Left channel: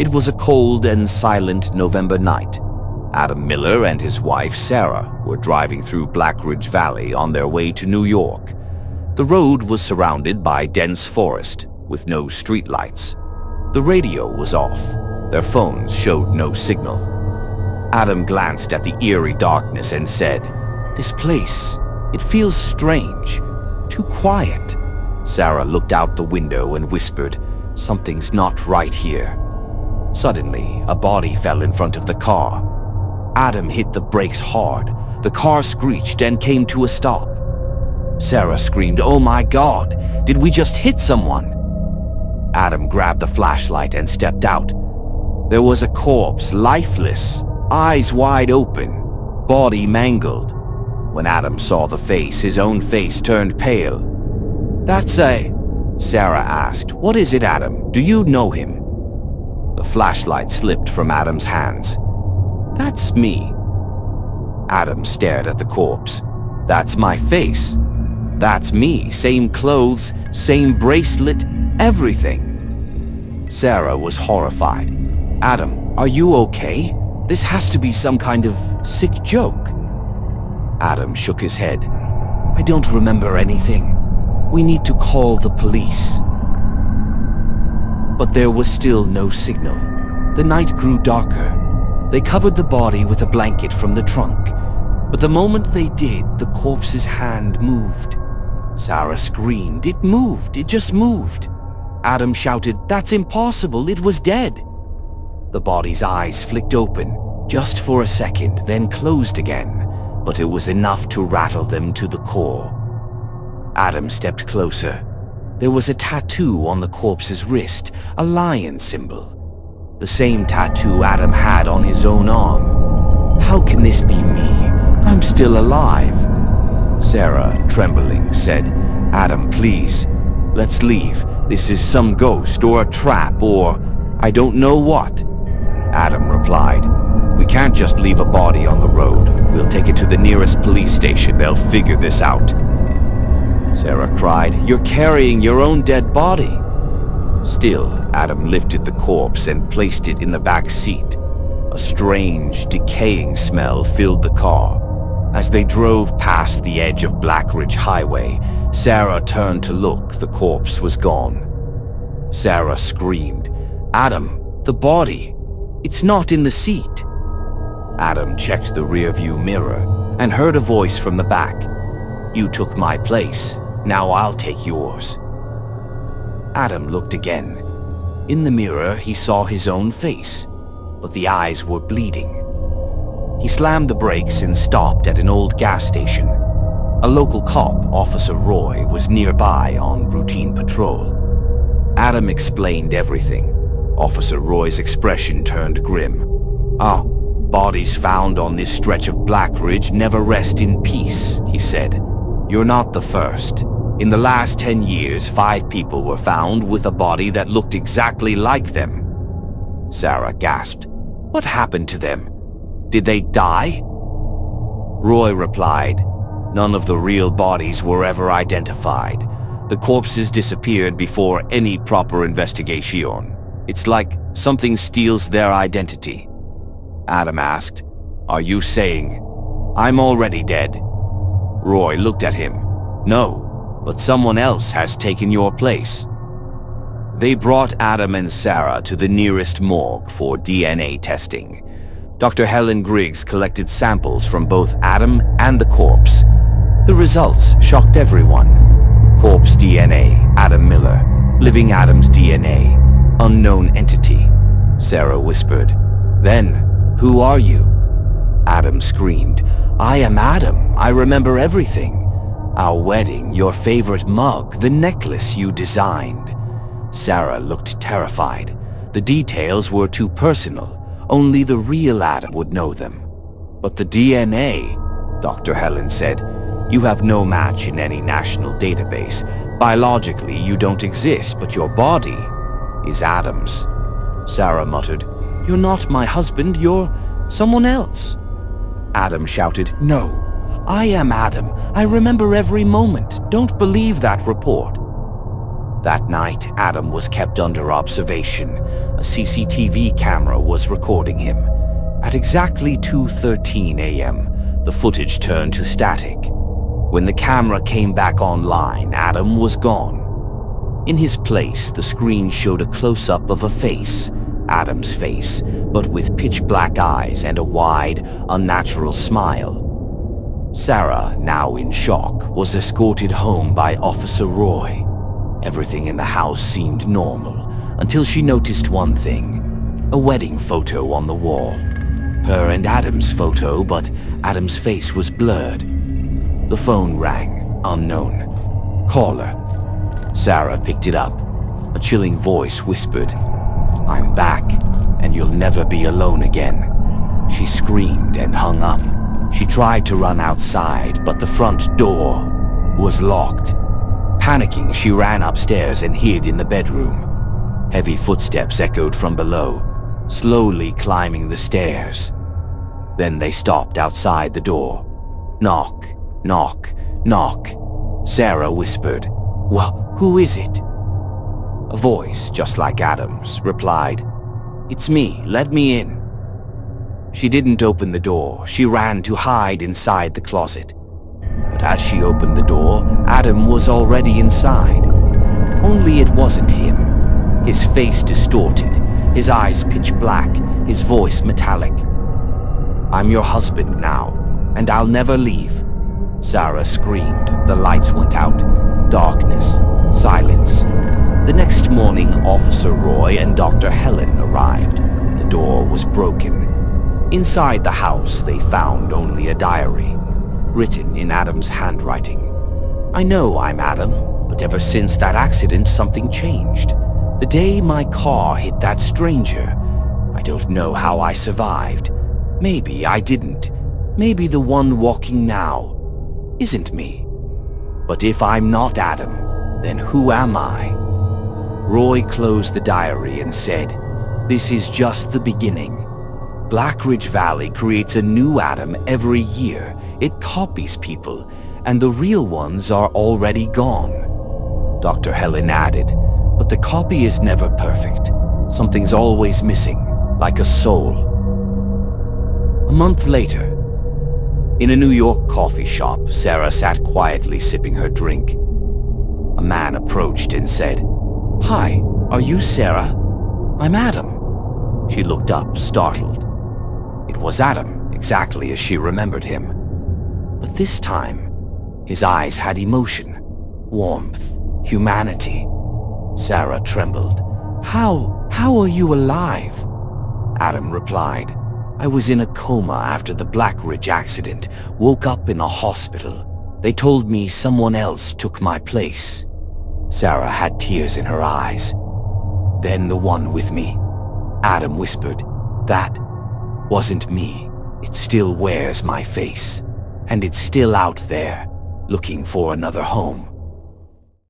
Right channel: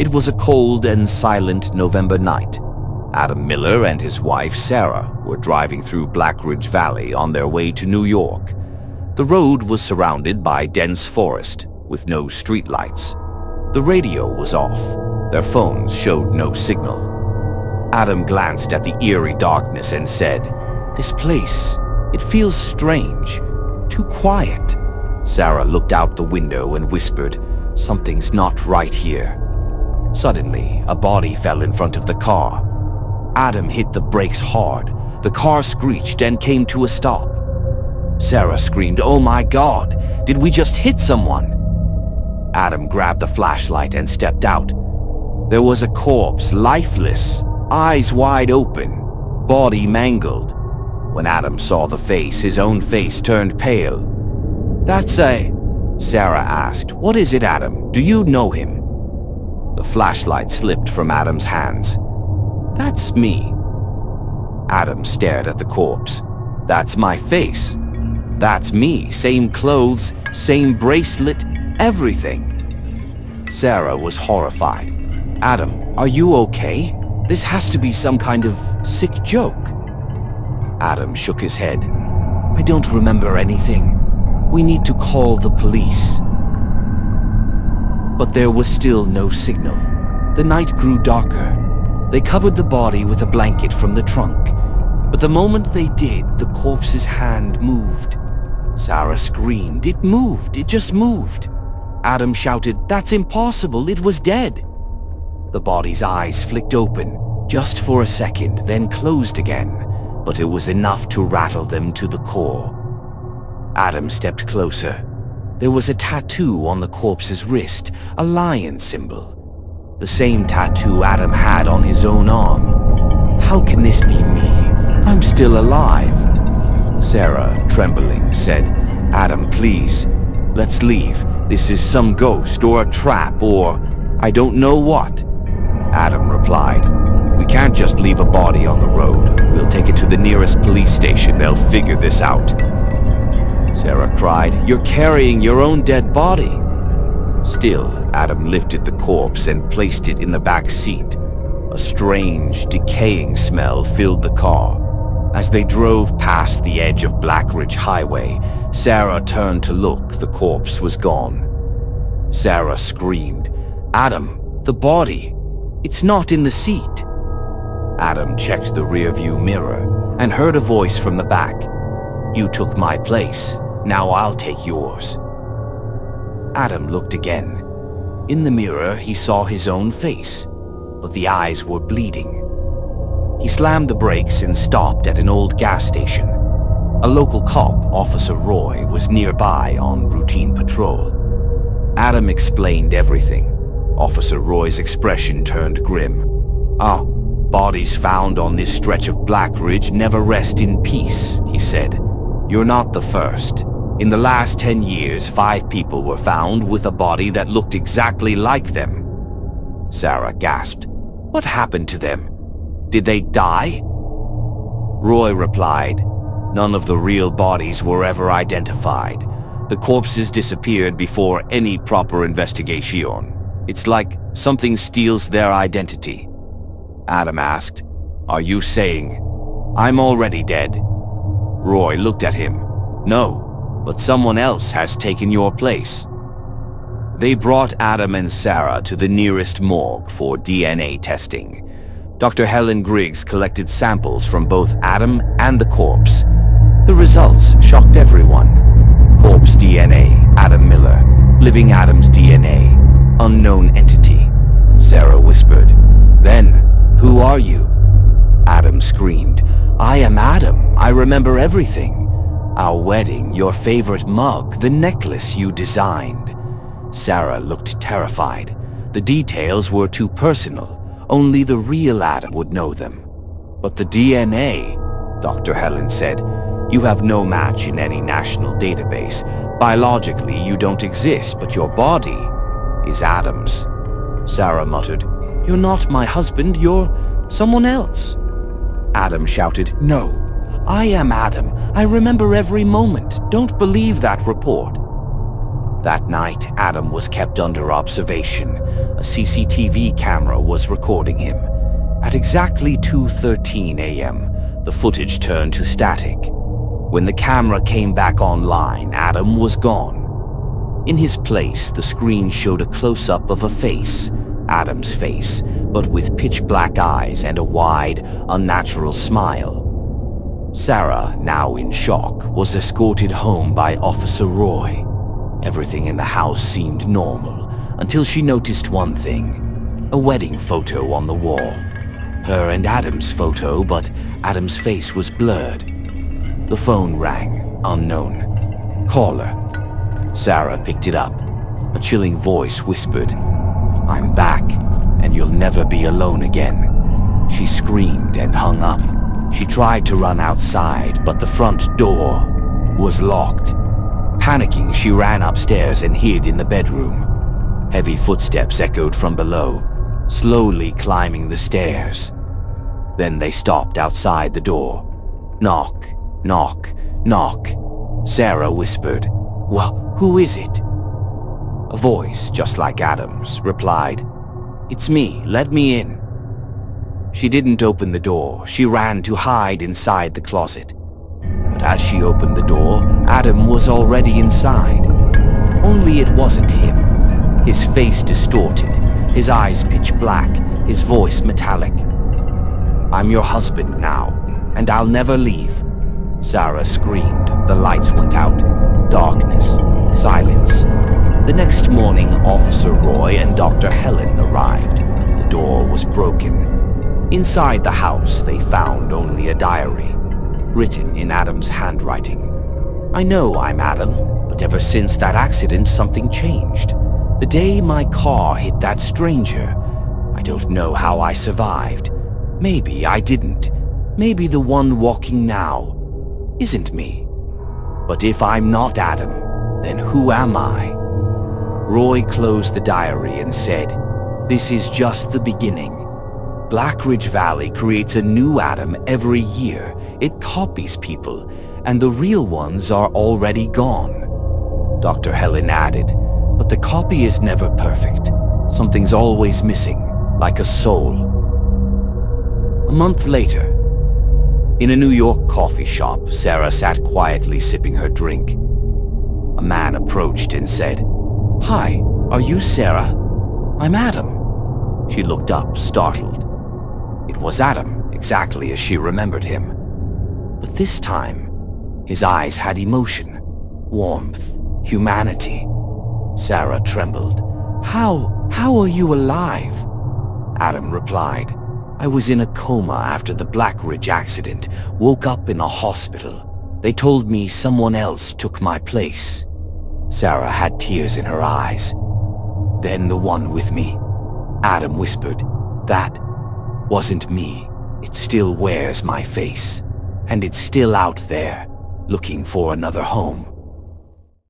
It was a cold and silent November night. Adam Miller and his wife Sarah were driving through Blackridge Valley on their way to New York. The road was surrounded by dense forest with no streetlights. The radio was off. Their phones showed no signal. Adam glanced at the eerie darkness and said, "This place, it feels strange, too quiet." Sarah looked out the window and whispered, "Something's not right here." Suddenly, a body fell in front of the car. Adam hit the brakes hard. The car screeched and came to a stop. Sarah screamed, "Oh my God, did we just hit someone?" Adam grabbed the flashlight and stepped out. There was a corpse, lifeless, eyes wide open, body mangled. When Adam saw the face, his own face turned pale. Sarah asked. "What is it, Adam? Do you know him?" The flashlight slipped from Adam's hands. "That's me." Adam stared at the corpse. "That's my face. That's me. Same clothes, same bracelet, everything." Sarah was horrified. "Adam, are you okay? This has to be some kind of sick joke." Adam shook his head. "I don't remember anything. We need to call the police." But there was still no signal. The night grew darker. They covered the body with a blanket from the trunk. But the moment they did, the corpse's hand moved. Sarah screamed. "It moved! It just moved!" Adam shouted, "That's impossible! It was dead!" The body's eyes flicked open, just for a second, then closed again, but it was enough to rattle them to the core. Adam stepped closer. There was a tattoo on the corpse's wrist, a lion symbol. The same tattoo Adam had on his own arm. "How can this be me? I'm still alive." Sarah, trembling, said, "Adam, please, let's leave. This is some ghost or a trap or I don't know what." Adam replied, "We can't just leave a body on the road. We'll take it to the nearest police station. They'll figure this out." Sarah cried, "You're carrying your own dead body." Still, Adam lifted the corpse and placed it in the back seat. A strange, decaying smell filled the car. As they drove past the edge of Blackridge Highway, Sarah turned to look. The corpse was gone. Sarah screamed, "Adam, the body! It's not in the seat!" Adam checked the rearview mirror and heard a voice from the back. "You took my place. Now I'll take yours." Adam looked again. In the mirror, he saw his own face, but the eyes were bleeding. He slammed the brakes and stopped at an old gas station. A local cop, Officer Roy, was nearby on routine patrol. Adam explained everything. Officer Roy's expression turned grim. Bodies found on this stretch of Blackridge never rest in peace," he said. "You're not the first. In the last 10 years, 5 people were found with a body that looked exactly like them." Sarah gasped. "What happened to them? Did they die?" Roy replied, "None of the real bodies were ever identified. The corpses disappeared before any proper investigation. It's like something steals their identity." Adam asked, "Are you saying I'm already dead?" Roy looked at him. "No, but someone else has taken your place." They brought Adam and Sarah to the nearest morgue for DNA testing. Dr. Helen Griggs collected samples from both Adam and the corpse. The results shocked everyone. Corpse DNA, Adam Miller. Living Adam's DNA, unknown entity. Sarah whispered. "Then, who are you?" Adam screamed. "I am Adam. I remember everything. Our wedding, your favorite mug, the necklace you designed." Sarah looked terrified. The details were too personal. Only the real Adam would know them. "But the DNA," Dr. Helen said, "you have no match in any national database. Biologically, you don't exist, but your body is Adam's." Sarah muttered, "You're not my husband, you're someone else." Adam shouted, "No, I am Adam. I remember every moment. Don't believe that report." That night, Adam was kept under observation. A CCTV camera was recording him. At exactly 2:13 a.m., the footage turned to static. When the camera came back online, Adam was gone. In his place, the screen showed a close-up of a face, Adam's face, but with pitch-black eyes and a wide, unnatural smile. Sarah, now in shock, was escorted home by Officer Roy. Everything in the house seemed normal, until she noticed one thing: a wedding photo on the wall. Her and Adam's photo, but Adam's face was blurred. The phone rang, unknown. Caller. Sarah picked it up. A chilling voice whispered, "I'm back, and you'll never be alone again." She screamed and hung up. She tried to run outside, but the front door was locked. Panicking, she ran upstairs and hid in the bedroom. Heavy footsteps echoed from below, slowly climbing the stairs. Then they stopped outside the door. Knock, knock, knock. Sarah whispered, "Well, who is it?" A voice, just like Adam's, replied, "It's me, let me in." She didn't open the door. She ran to hide inside the closet. But as she opened the door, Adam was already inside. Only it wasn't him. His face distorted, his eyes pitch black, his voice metallic. "I'm your husband now, and I'll never leave." Sarah screamed. The lights went out. Darkness. Silence. The next morning, Officer Roy and Dr. Helen arrived. The door was broken. Inside the house, they found only a diary, written in Adam's handwriting. "I know I'm Adam, but ever since that accident, something changed. The day my car hit that stranger, I don't know how I survived. Maybe I didn't. Maybe the one walking now isn't me. But if I'm not Adam, then who am I?" Roy closed the diary and said, "This is just the beginning. Blackridge Valley creates a new Adam every year. It copies people, and the real ones are already gone." Dr. Helen added, "But the copy is never perfect. Something's always missing, like a soul." A month later, in a New York coffee shop, Sarah sat quietly sipping her drink. A man approached and said, "Hi, are you Sarah? I'm Adam." She looked up, startled. It was Adam, exactly as she remembered him. But this time, his eyes had emotion, warmth, humanity. Sarah trembled. How are you alive?" Adam replied, "I was in a coma after the Blackridge accident, woke up in a hospital. They told me someone else took my place." Sarah had tears in her eyes. "Then the one with me," Adam whispered, "that wasn't me. It still wears my face, and it's still out there, looking for another home."